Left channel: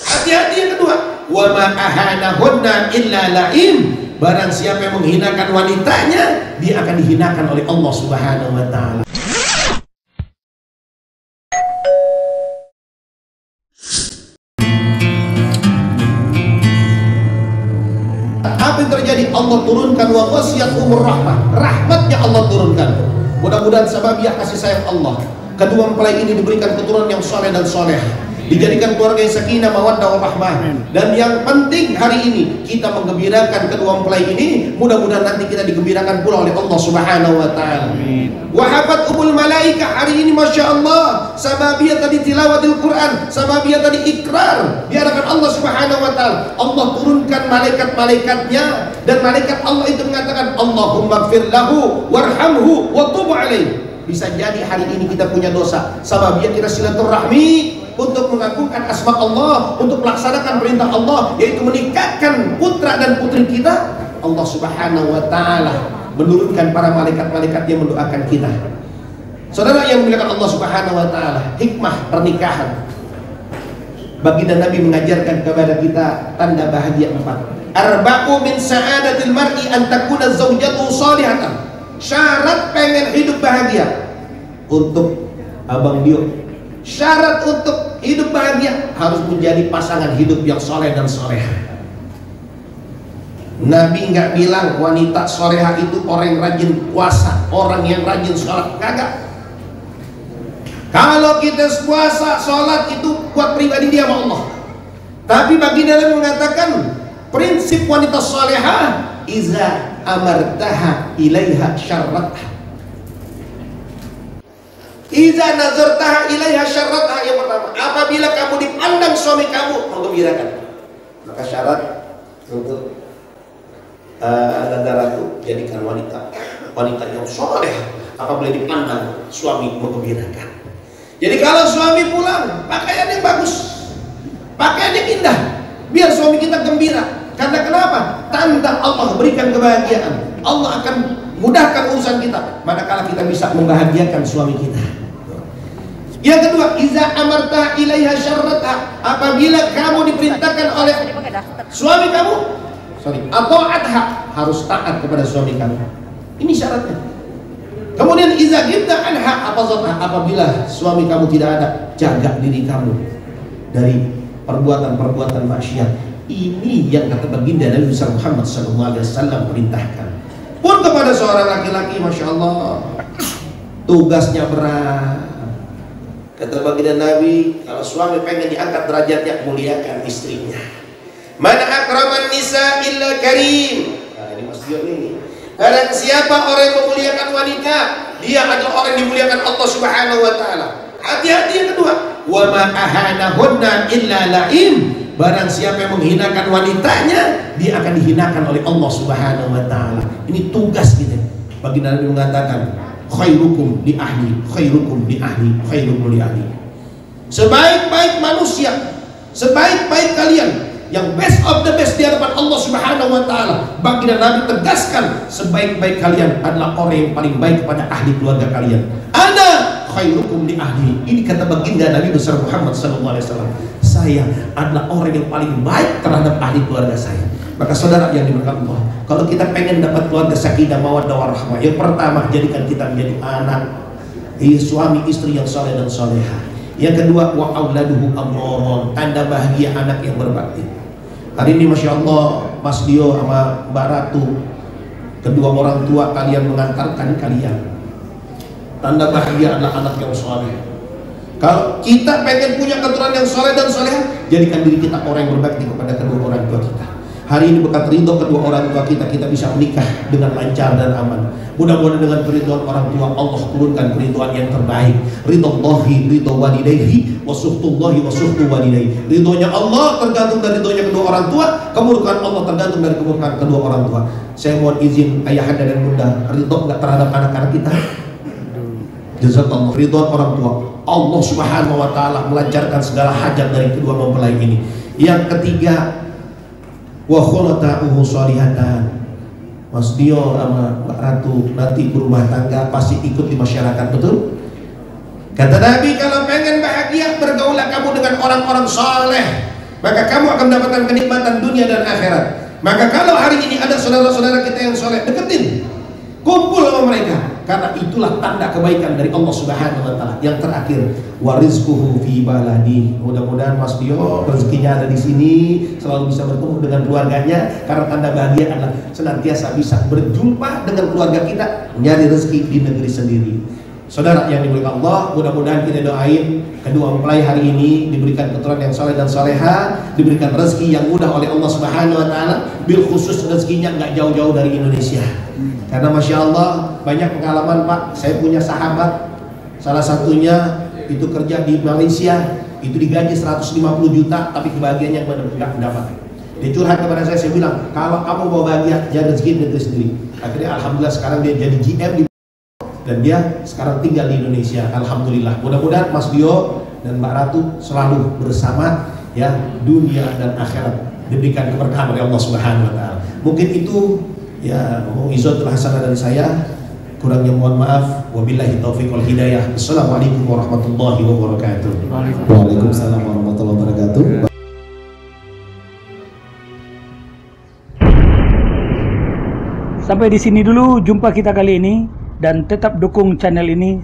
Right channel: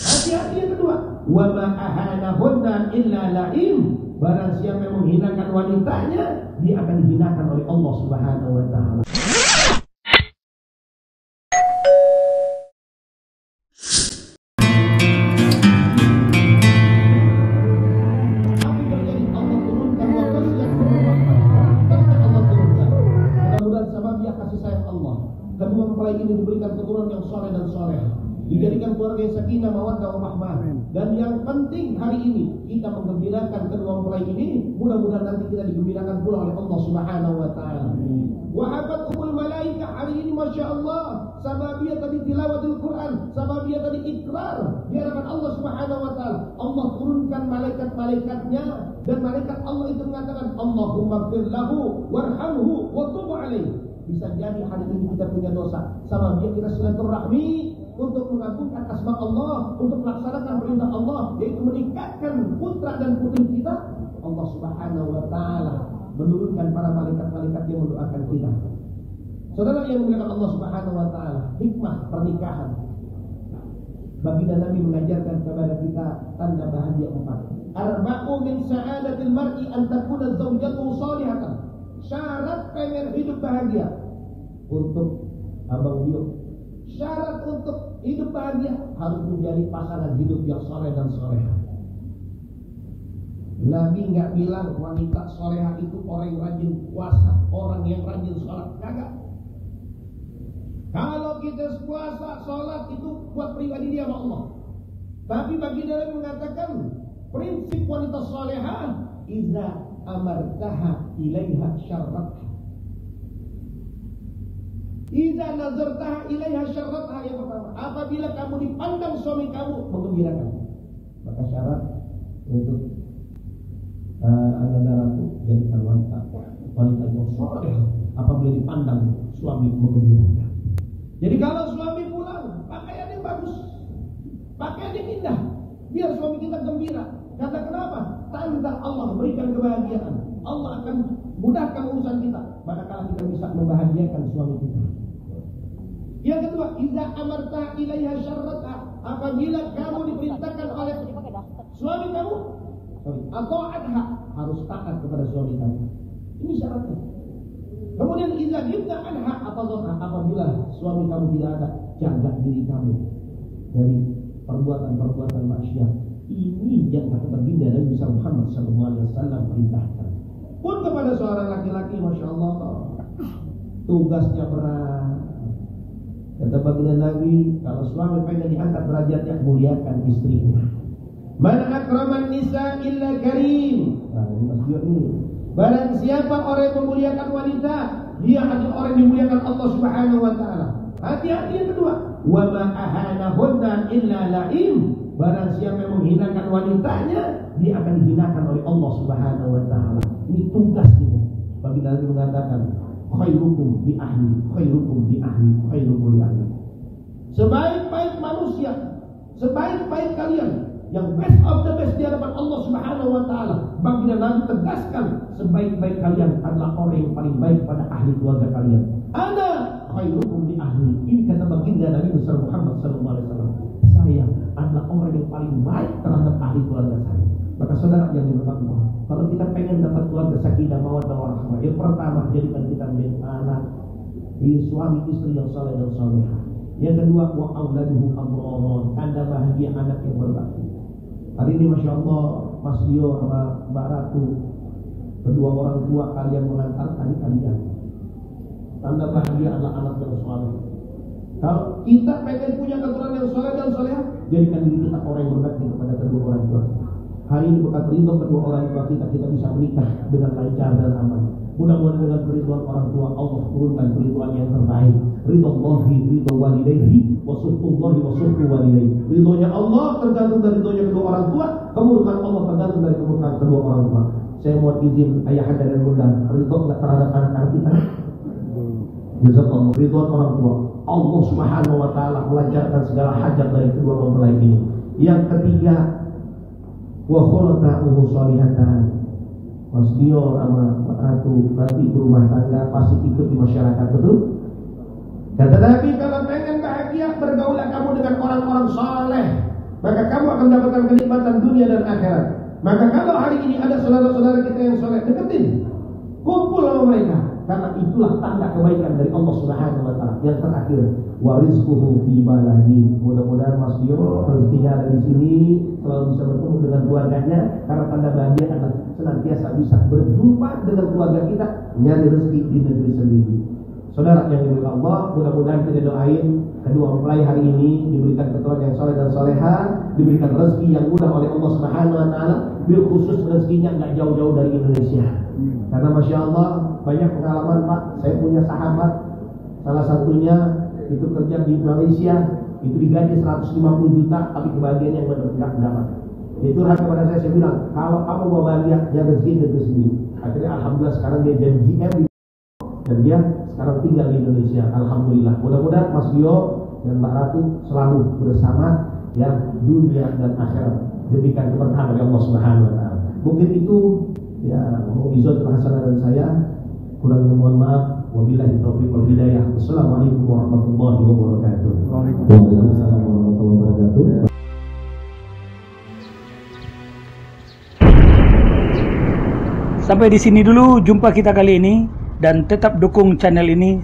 Hati-hati yang kedua, wa ma ahanahunna illa la'im. Barang siapa yang menghinakan wanitanya, dia akan dihinakan oleh Allah Subhanahu wa taala. Apa yang terjadi? Allah turunkan wa wasiyatuhur rahmah. Rahmatnya Allah turunkan. Mudah-mudahan sababiah kasih sayang Allah, kedua mempelai ini diberikan keturunan yang soleh dan soleh, dijadikan keluarga yang sakinah, mawaddah, warahmah. Dan yang penting hari ini kita menggembirakan kedua mempelai ini. Mudah-mudahan nanti kita digembirakan pula oleh Allah Subhanahu wa taala. Wahabat umul malaika hari ini, masya Allah, sababiyah tadi tilawatil Quran, sababiyah tadi ikrar di hadapan Allah Subhanahu wa taala. Allah turunkan malaikat-malaikatnya, dan malaikat Allah itu mengatakan, Allahumma gfir lahu warhamhu wa tub alaih. Bisa jadi hari ini kita punya dosa, sababiyah kita silaturahmi untuk mengagungkan asma Allah, untuk melaksanakan perintah Allah, yaitu menikahkan putra dan putri kita. Allah Subhanahu wa taala menurunkan para malaikat-malaikat yang mendoakan kita. Saudara yang dimuliakan Allah Subhanahu wa taala, hikmah pernikahan. Baginda Nabi mengajarkan kepada kita tanda bahagia 4. Arba'u min sa'adatil mar'i an takuna zaujatuhu salihatan. Syarat pengen hidup bahagia untuk Abang Dio, syarat untuk hidup bahagia harus menjadi pasangan hidup yang soleh dan soleha. Nabi nggak bilang wanita soleha itu orang yang rajin puasa, orang yang rajin sholat, kagak. Kalau kita puasa, sholat itu buat pribadi dia sama Allah. Tapi baginda Nabi mengatakan prinsip wanita soleha, iza amartaha ilaiha syarratha, iza nazartaha ilaiha syarratha. Yang pertama, apabila kamu dipandang suami kamu menggembirakan, maka syarat untuk Anda ratu jadikan wanita yang soleh apabila dipandang suami menggembirakan. Jadi kalau suami pulang pakaian yang bagus, pakaian yang indah, biar suami kita gembira. Karena kenapa? Tanda Allah berikan kebahagiaan. Allah akan mudahkan urusan kita manakala kita bisa membahagiakan suami kita. Yang kedua, iza amarta ilaiha syarratha, apabila kamu diperintahkan oleh suami kamu, atau adha, harus taat kepada suami kamu. Ini syaratnya. Kemudian iza ghibta anha hafazatha, apabila suami kamu tidak ada, jaga diri kamu dari perbuatan-perbuatan maksiat. Ini yang kata baginda Nabi Muhammad SAW perintahkan. Pun kepada seorang laki-laki, masya Allah, tugasnya berat. Kata baginda Nabi, kalau suami pengen diangkat derajatnya, muliakan istrinya. Mana akraman nisa illa karim. Nah ini Mas Dio nih. Barang siapa orang yang memuliakan wanita, dia adalah orang yang dimuliakan Allah Subhanahu wa taala. Hati-hati yang kedua, wa ma ahanahunna illa la'im. Barang siapa yang menghinakan wanitanya, dia akan dihinakan oleh Allah Subhanahu wa taala. Ini tugas kita. Baginda Nabi mengatakan, khairukum li ahli, khairukum li ahli, khairukum li ahli. Sebaik-baik manusia, sebaik-baik kalian, yang best of the best di hadapan Allah Subhanahu wa taala. Baginda Nabi tegaskan, sebaik-baik kalian adalah orang yang paling baik kepada ahli keluarga kalian. Ana khairukum li ahli. Ini kata baginda Nabi besar Muhammad sallallahu alaihi wasallam. Saya adalah orang yang paling baik terhadap ahli keluarga saya. Maka saudara yang diberkati Allah, kalau kita pengen dapat keluarga sakinah mawaddah warahmah, yang pertama jadikan kita menjadi anak, suami istri yang saleh dan soleha. Yang kedua, wa auladuhu amroron, tanda bahagia anak yang berbakti. Hari ini masya Allah, Mas Dio sama Mbak Ratu, kedua orang tua kalian mengantarkan kalian. Tanda bahagia adalah anak yang soleh. Kalau kita pengen punya keturunan yang soleh dan soleh, jadikan diri kita orang yang berbakti kepada kedua orang tua kita. Hari ini berkat ridho kedua orang tua kita, kita bisa menikah dengan lancar dan aman. Mudah-mudahan dengan keridhaan orang tua, Allah turunkan keridhaan yang terbaik. Ridhollahi ridho walidayhi wa suhtullahi wa suhtu walidayhi. Ridhonya Allah tergantung dari ridhonya kedua orang tua, kemurkaan Allah tergantung dari kemurkaan kedua orang tua. Saya mohon izin ayahanda dan bunda, ridho enggak terhadap anak-anak kita? Jazakallah. Ridho orang tua, Allah Subhanahu wa taala melancarkan segala hajat dari kedua mempelai ini. Yang ketiga, wa khulatahu sholihatan. Mas Dio sama Mbak Ratu nanti berumah tangga pasti ikut di masyarakat, betul? Kata Nabi, kalau pengen bahagia, bergaulah kamu dengan orang-orang soleh, maka kamu akan mendapatkan kenikmatan dunia dan akhirat. Maka kalau hari ini ada saudara-saudara kita yang soleh, deketin, kumpul sama mereka, karena itulah tanda kebaikan dari Allah Subhanahu wa Ta'ala. Yang terakhir, warizquhu fi baladi. Mudah-mudahan Mas Dio rezekinya ada di sini, selalu bisa bertemu dengan keluarganya, karena tanda bahagia adalah senantiasa bisa berjumpa dengan keluarga kita, nyari rezeki di negeri sendiri. Saudara yang dimuliakan Allah, mudah-mudahan kita doain kedua mempelai hari ini diberikan keturunan yang soleh dan soleha, diberikan rezeki yang mudah oleh Allah Subhanahu wa Ta'ala, bil khusus rezekinya nggak jauh-jauh dari Indonesia. Karena Masya Allah banyak pengalaman Pak. Saya punya sahabat, salah satunya itu kerja di Malaysia, itu digaji 150 juta, tapi kebahagiaannya nggak mendapat. Dia curhat kepada saya bilang, kalau kamu mau bahagia, jangan rezeki negeri sendiri. Akhirnya Alhamdulillah sekarang dia jadi GM di, dan dia sekarang tinggal di Indonesia. Alhamdulillah. Mudah-mudahan Mas Dio dan Mbak Ratu selalu bersama, ya, dunia dan akhirat diberikan keberkahan oleh Allah Subhanahu wa Ta'ala. Mungkin itu ya mu'izatul hasanah dari saya, kurangnya mohon maaf. Wabillahi taufiq wal hidayah. Assalamualaikum warahmatullahi wabarakatuh. Waalaikumsalam warahmatullahi wabarakatuh. Sampai di sini dulu jumpa kita kali ini, dan tetap dukung channel ini.